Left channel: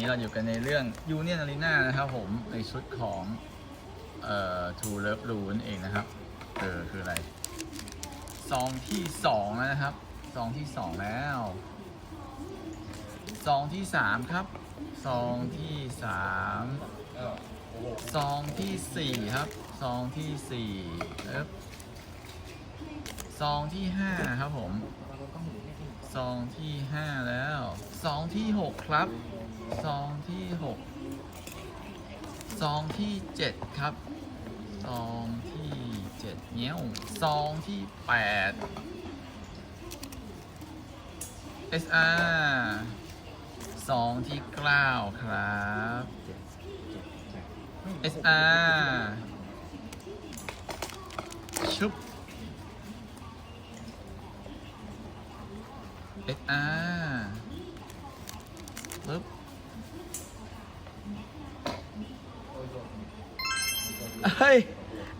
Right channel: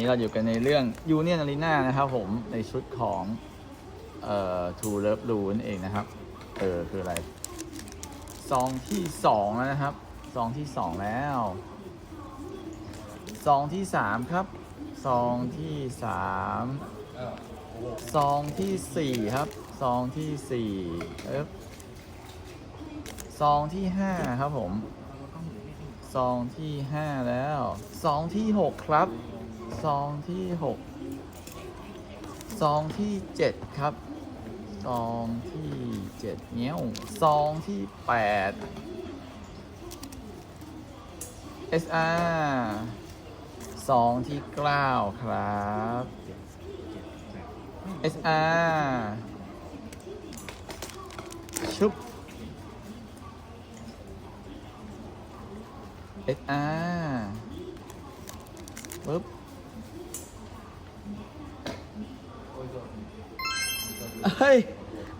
นี้เราอยู่กันในเรื่อง Union Arena นะครับผมในชุดของเอ่อ True Love Blue นั่นเองนะครับ เออ คืออะไร ซองที่สองแล้วนะครับ ซองที่สองแล้ว ซองที่สามครับ ซองที่สามซองที่สี่ครับ ซองที่สี่เอ๊ซองที่ห้าครับผม ซองที่ห้าแล้วซองที่หกครับซองที่หกซองที่เจ็ดครับซองที่เจ็ดเนี้ยวซองที่แปด SR ซองที่เก้าครับ SR ชุบ SR ปึ๊บเฮ้ย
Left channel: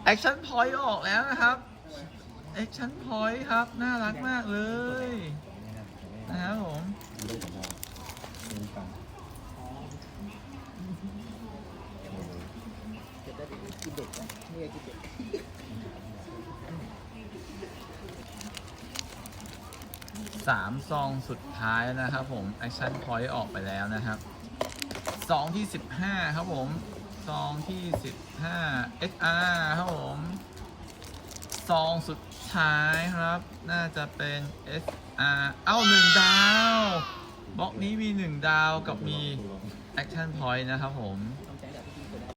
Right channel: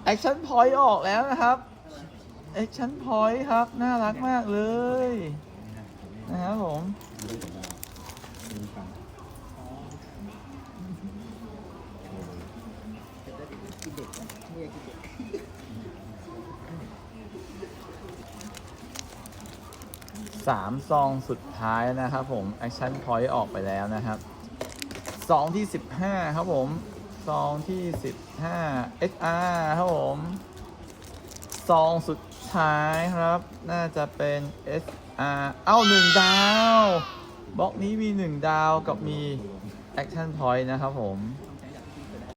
แอคชั่นพอยต์ออกแล้วนะครับแอคชั่นพอยต์ครับ น่ารักมากเลย นะครับผม สามซองสุดท้ายนะครับผมแอคชั่นพอยต์ออกไปแล้วนะครับซองที่15ครับผมซองที่15 SR ครับผมซองสุดท้ายครับ น่าจะเป็น SR เอ้าหนึ่งดาวบล็อกนี้มี1ดาวกับมี Action Point นะครับผม